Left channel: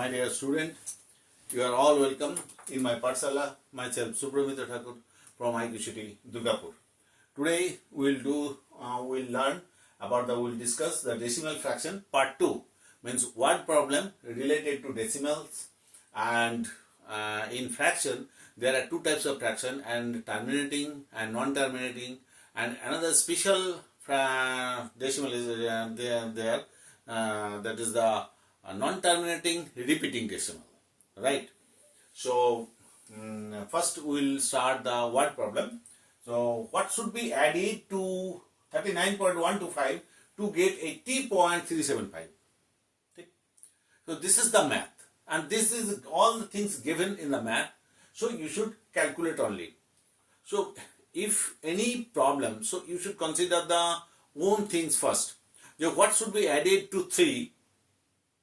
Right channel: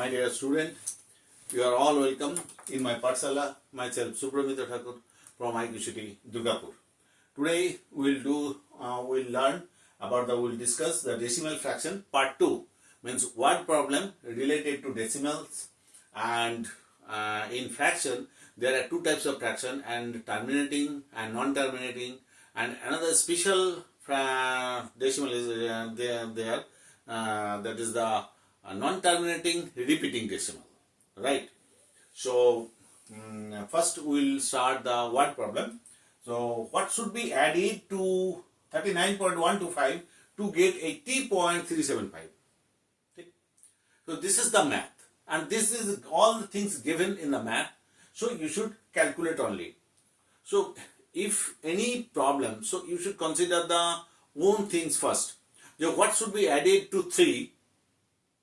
My dear student, you are all welcome in my Pathshala. Myself Subramitra Thakur from IQ City, Durgapur. Today we'll learn about we'll discuss the decimal fraction part 2. Means word problem related to decimals, and in fraction there are two types of fraction, and terminating and non-terminating, and another special decimal is there that is the non-terminating repeating decimal, right? So first we will start the word problem. So what should be added to 39.125 to get 80.375? Okay. So this is the math, and this is all the things given in the math, so you should calculate only. So if any problem, so you should consider the own things first. So what should be added to 3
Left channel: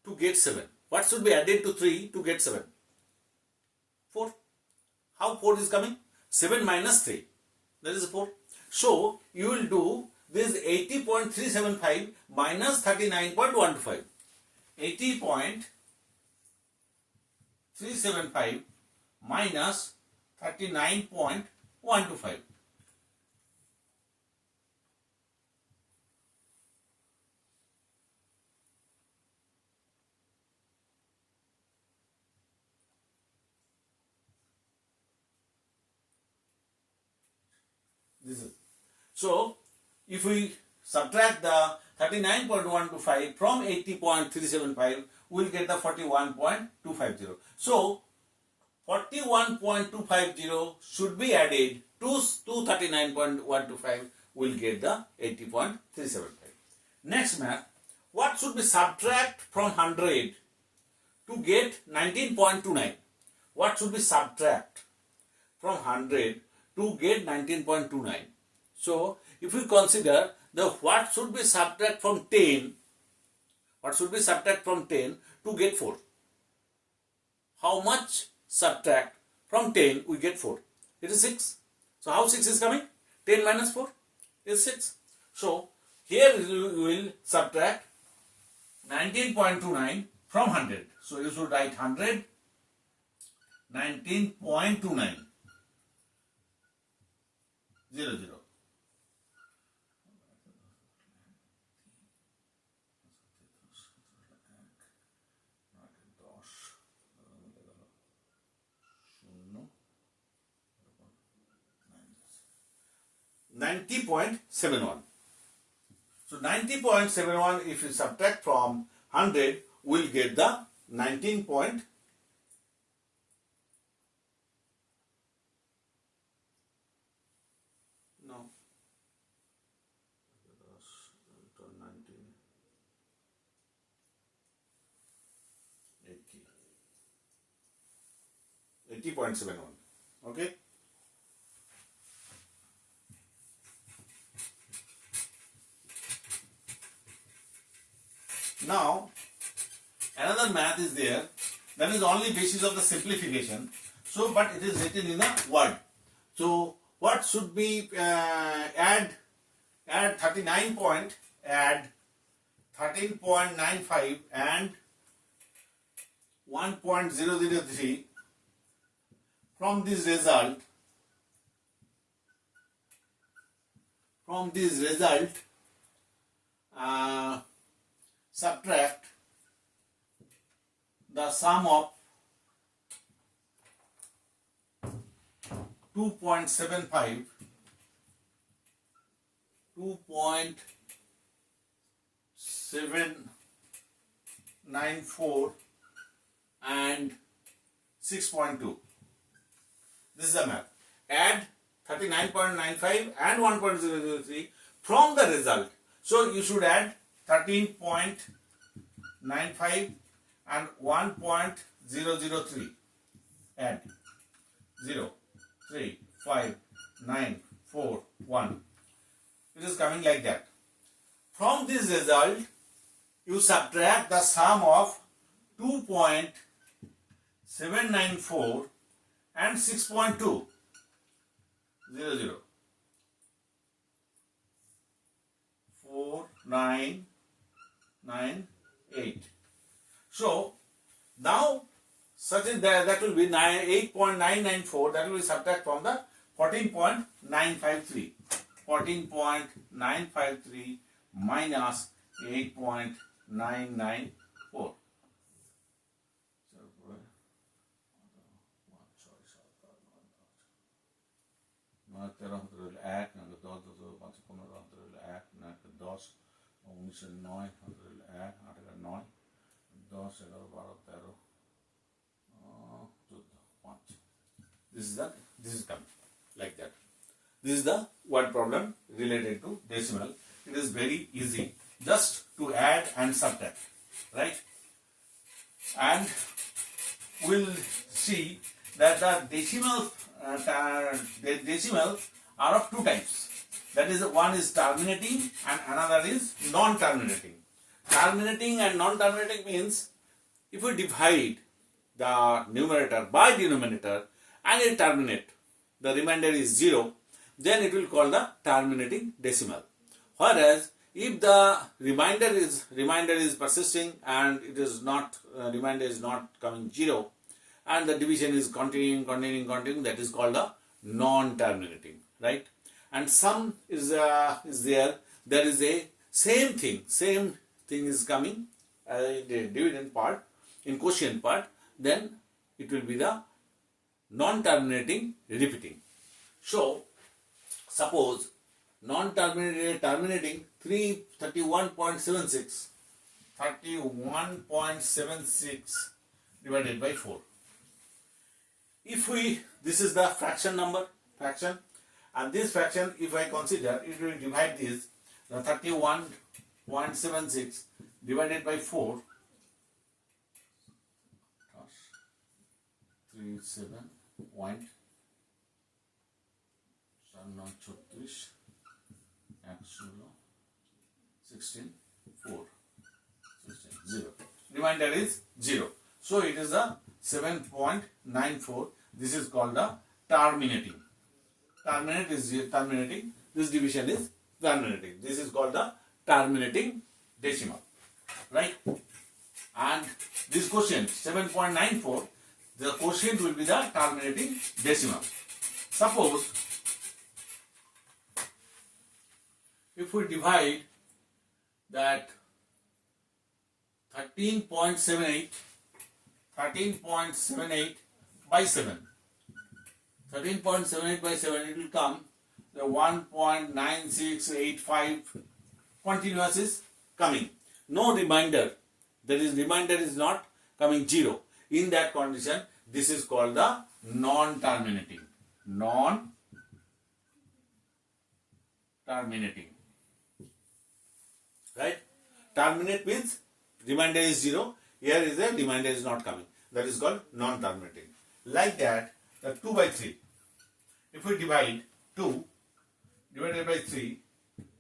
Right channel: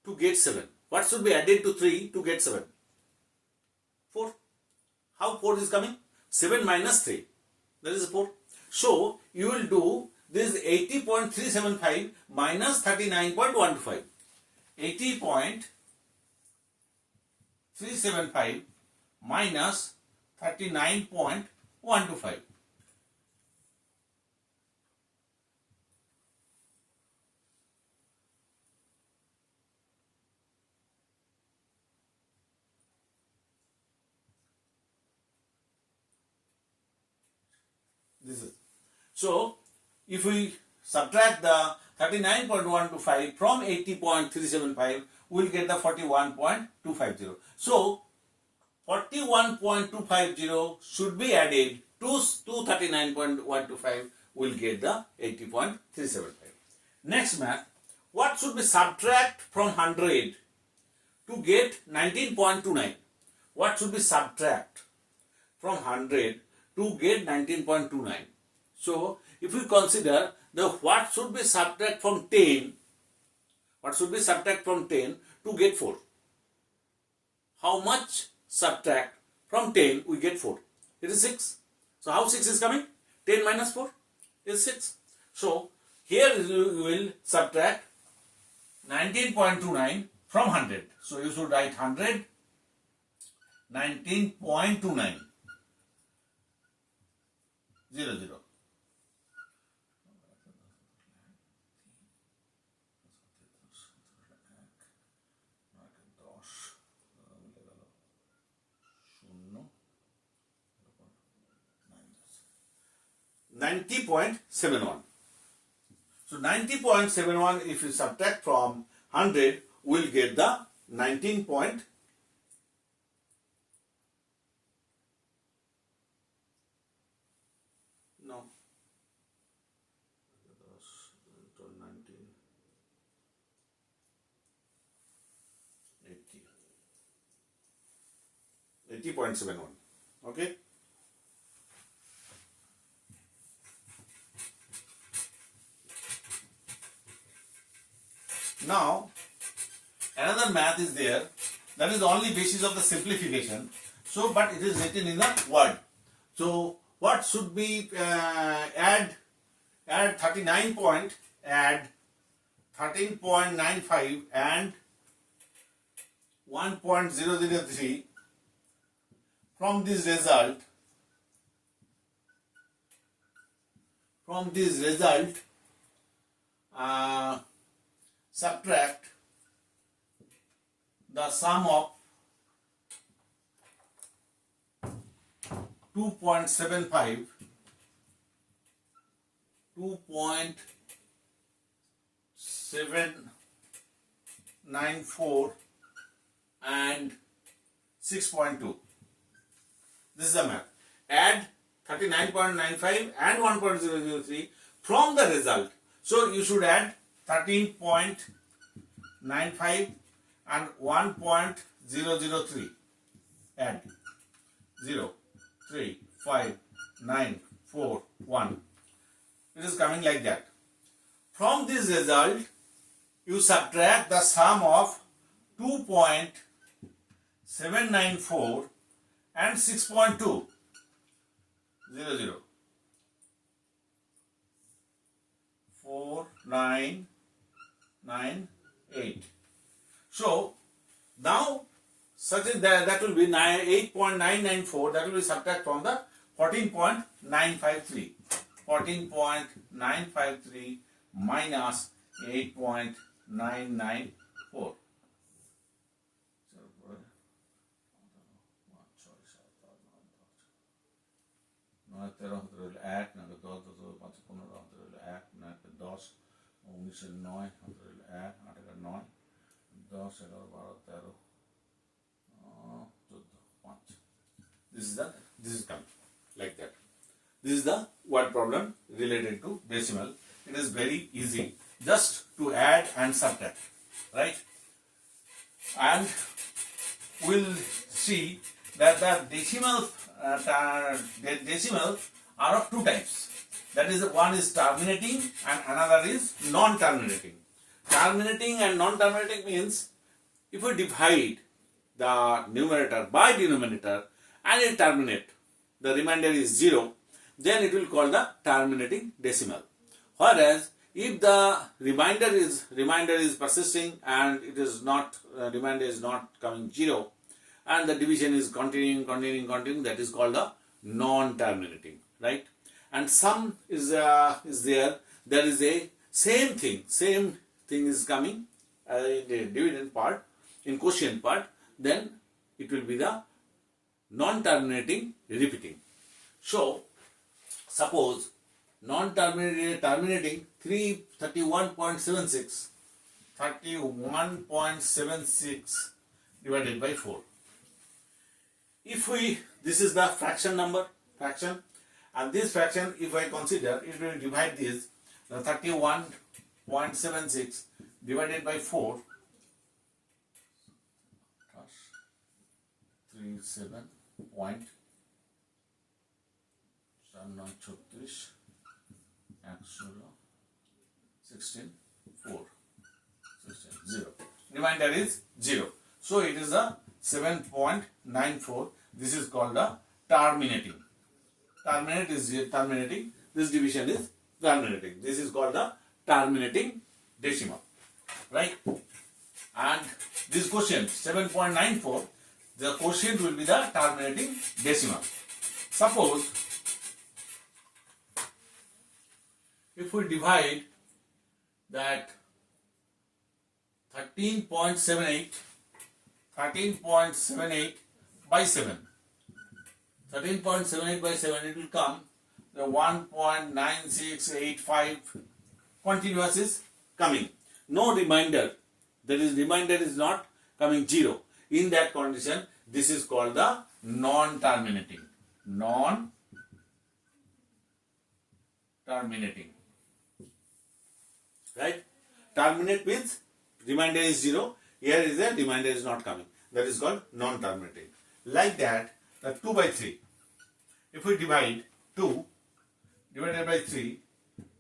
to get 7? What should be added to 3 to get 7? 4. How 4 is coming? 7 minus 3. That is 4. So you will do this 80.375 minus 39.125. 80.375 minus 39.125. This is. So if we subtract the 39.125 from 80.375, we will get the 41.250. So 41.250 should be added to 39.125, we will get the 80.375. Next math, what should be subtract from 100 to get 19.29? What should be subtract from 100 to get 19.29? So if we consider the what should be subtract from 10, what should be subtract from 10 to get 4? How much subtract from 10 we get 4? It is 6. So how 6 is coming? 10 minus 4 is 6. So here you will subtract 19.29 from 100. So you should write 100, 19.29. 0, 0. $90.71. So 90.71, if you subtract from 100, we'll get the 19. No. 80.71. Okay. Now, another math is there. That is only basis of the simplification. So, but it is written in a word. So, what should be add 13.95 and 1.003 from this result. Subtract the sum of 2.75, 2.794 and 6.2. This is the math. Add 39.95 and 1.003 from the result. So you should add 13.95 and 1.003. Add 0, 3, 5, 9, 4, 1. It is coming like that. From this result, you subtract the sum of 2.794 and 6.2. 0, 0. 4, 9, 9, 8. So Now, such as that will be 8.994, that will be subtract from the 14.953. 14.953 minus 8.994. নয় 13 1 9 10 10 5 15 1 9 10 19 9 1 8 9 10 11 12 13 14 5. This is coming like that. This is the word problem related to decimal. It is very easy just to add and subtract, right? And we'll see that the decimals are of two types. That is, one is terminating and another is non-terminating. Terminating and non-terminating means if we divide the numerator by denominator and it terminate, the remainder is 0, then it will call the terminating decimal. Whereas if the remainder is persisting and it is not remainder is not coming 0 and the division is continuing, that is called the non-terminating, right? And sum is there. There is a same thing is coming in the dividend part, in quotient part. Then it will be the non-terminating repeating. So suppose terminating 31.76 divided by 4. If this is the fraction, and this fraction, if I consider, it will divide this, the 31.76 divided by 4, 37.36 16 4 16 0. Remainder is 0. So it is the 7.94. This is called the terminating. Terminating. This division is terminating. This is called the terminating decimal, right? And this quotient 7.94, the quotient will be the terminating decimal. Suppose if we divide that 13.78 by 7. 13.78 by 7, it will come the 1.9685 continuous is coming. No remainder. That is, remainder is not coming 0. In that condition, this is called the non-terminating. Non-terminating. Right? Terminate means remainder is 0. Here is the remainder is not coming. That is called non-terminating. Like that, the 2 by 3. If we divide 2 divided by 3,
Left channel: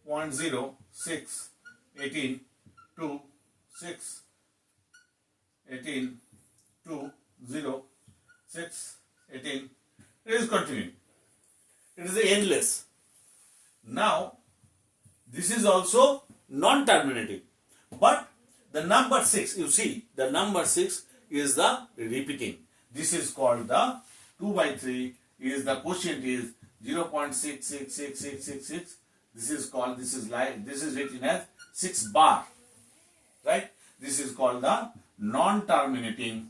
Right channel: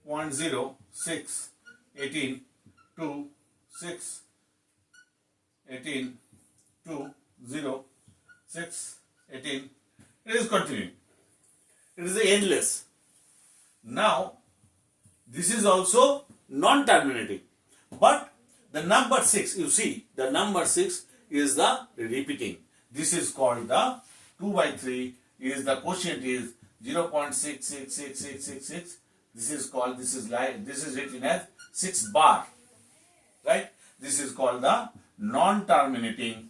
1, 0, 6, 18, 2, 6, 18, 2, 0, 6, 18. It is continuing. It is endless. Now, this is also non-terminating. But the number 6, you see, the number 6 is the repeating. This is called the 2 by 3 is the quotient is 0.666666. This is written as 6 bar. Right? This is called the non-terminating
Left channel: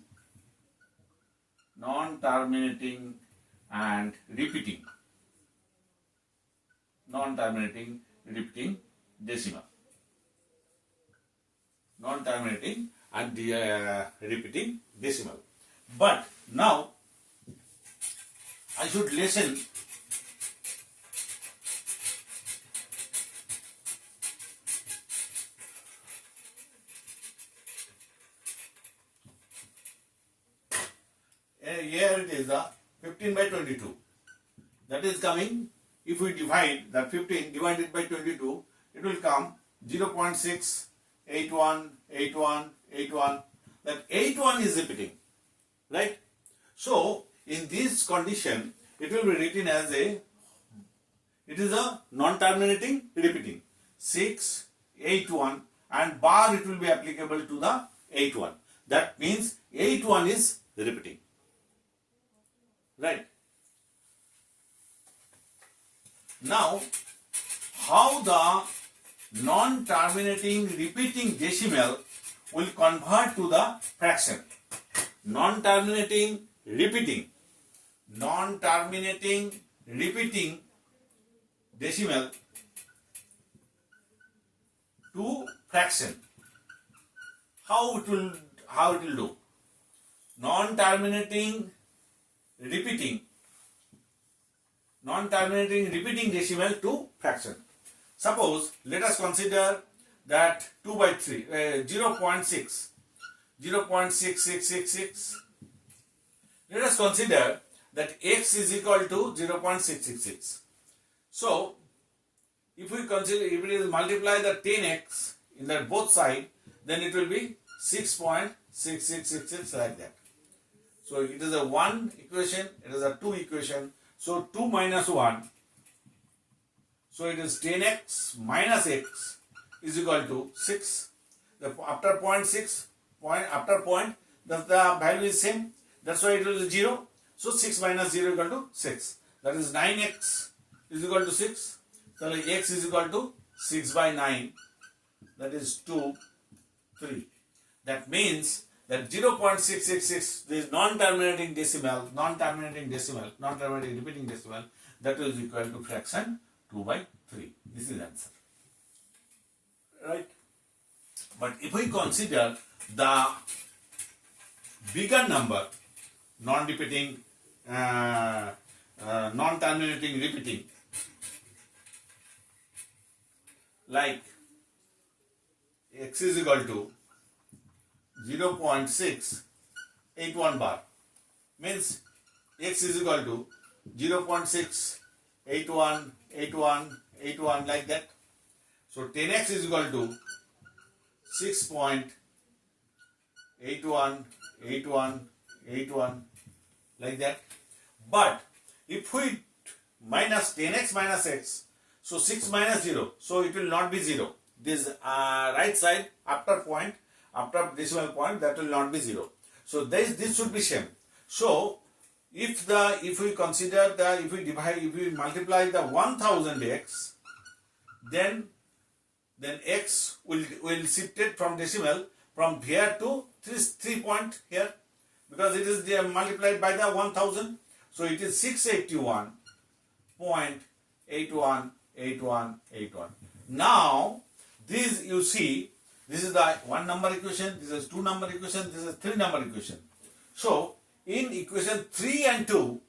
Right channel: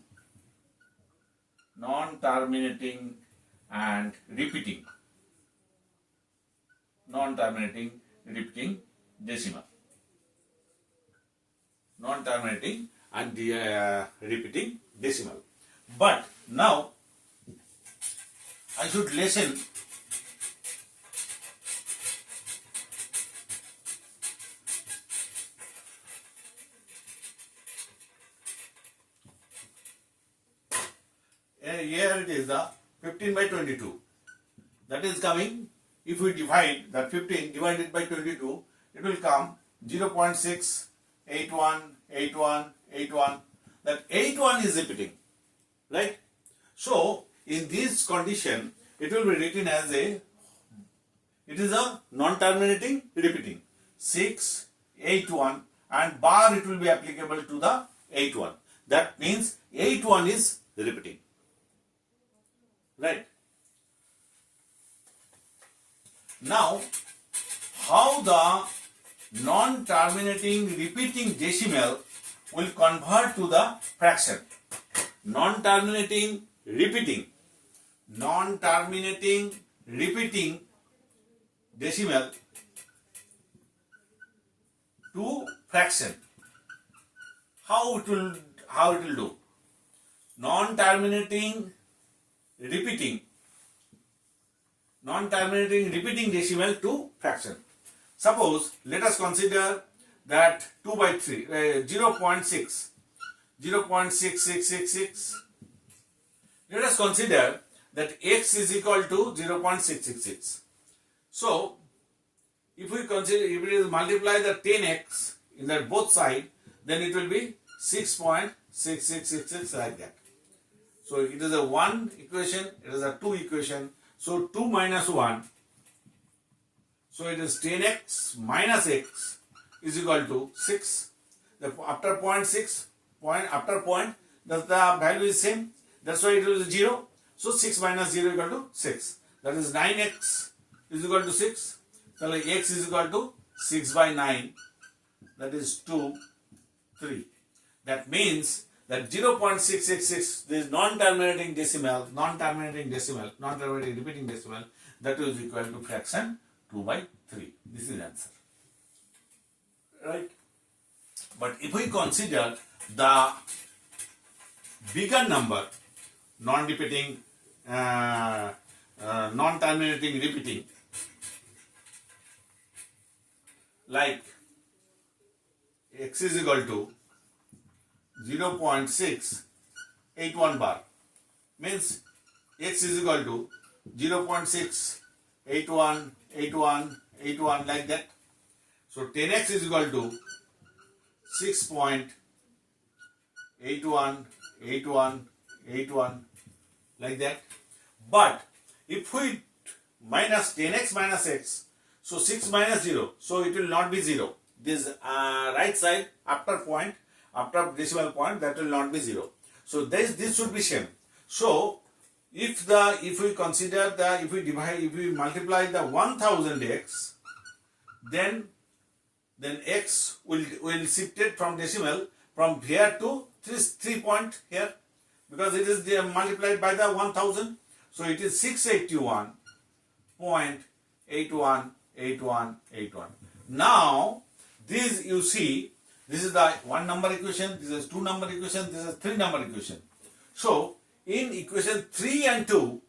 and repeating. Non-terminating repeating decimal. Non-terminating and repeating decimal. But now I should listen here it is the 15 by 22. That is coming, if we divide that 15 divided by 22, it will come 0.6818181. That 81 is repeating, right? So in this condition, it will be written as it is a non-terminating repeating 681 and bar it will be applicable to the 81. That means 81 is repeating. Right? Now, how the non-terminating repeating decimal will convert to the fraction? Non-terminating repeating decimal to fraction. How it will do? Non-terminating repeating decimal to fraction. Suppose let us consider that 2 by 3 0.6666. Let us consider that x is equal to 0.666. So if we consider, if it is multiply the 10x in that both side, then it will be 6.6666 like that. So it is a 1 equation, it is a 2 equation. So 2 minus 1. So it is 10x minus x is equal to 6. After after point, the value is same. That's why it will be 0. So 6 minus 0 equal to 6. That is 9x is equal to 6. So x is equal to 6 by 9. That is 2, 3. That means that 0.666, this non-terminating repeating decimal, that is equal to fraction 2 by 3. This is answer. Right? But if we consider the bigger number, non-repeating, non-terminating repeating, like x is equal to 0.681 bar, means x is equal to 0.681 like that. So 10x is equal to 6.81 like that. But if we minus 10x minus x, so 6 minus 0, so it will not be 0. This right side after decimal point, that will not be 0. So this should be same. So if we consider if we multiply the 1000x, then x will shifted from decimal from here to 3 point here, because it is multiplied by the 1000. So it is 681.818181. Now this, you see, this is the 1 number equation, this is 2 number equation, this is 3 number equation. So in equation 3 and 2,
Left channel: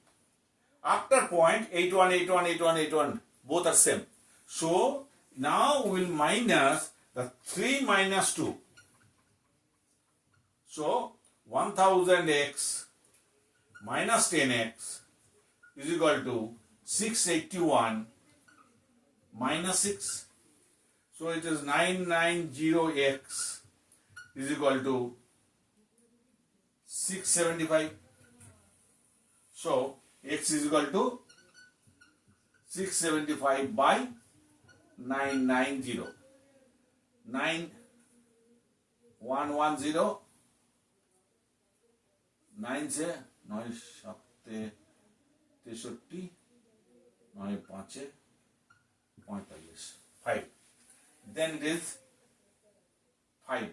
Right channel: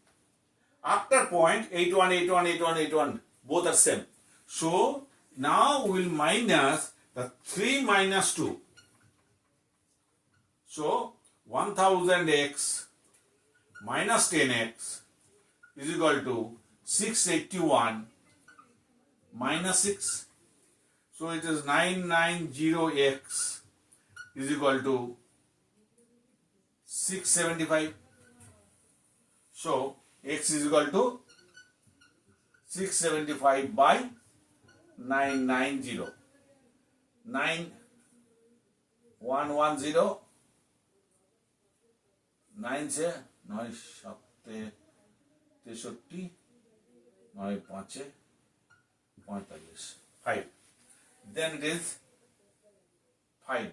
after point 81 both are same. So now we will minus the 3 minus 2. So 1000x minus 10x is equal to 681 minus 6. So it is 990x is equal to 675. So x is equal to 675 by 990. 9110 9 से 9 7 63 9 5 45 5. Then it is 5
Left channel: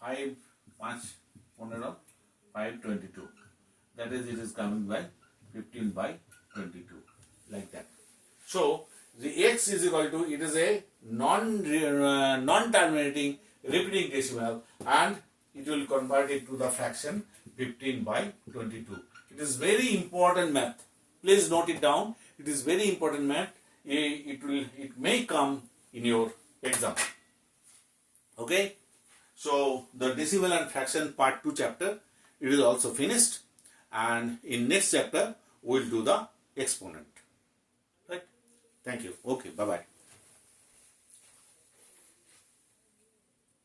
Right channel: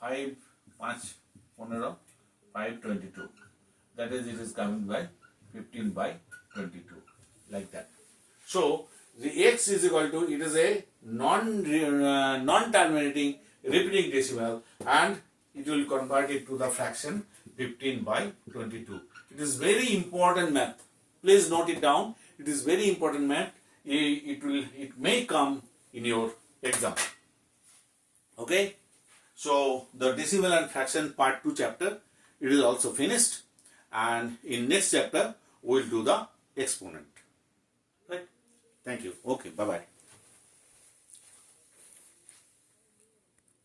5 5 15 5 22. That is, it is coming by 15 by 22 like that. So the x is equal to, it is a non-terminating repeating decimal, and it will convert it to the fraction 15 by 22. It is very important math. Please note it down. It is very important math. It may come in your exam. Okay. So the decimal and fraction part 2 chapter, it is also finished, and in next chapter we will do the exponent. Right. Thank you. Okay. Bye bye.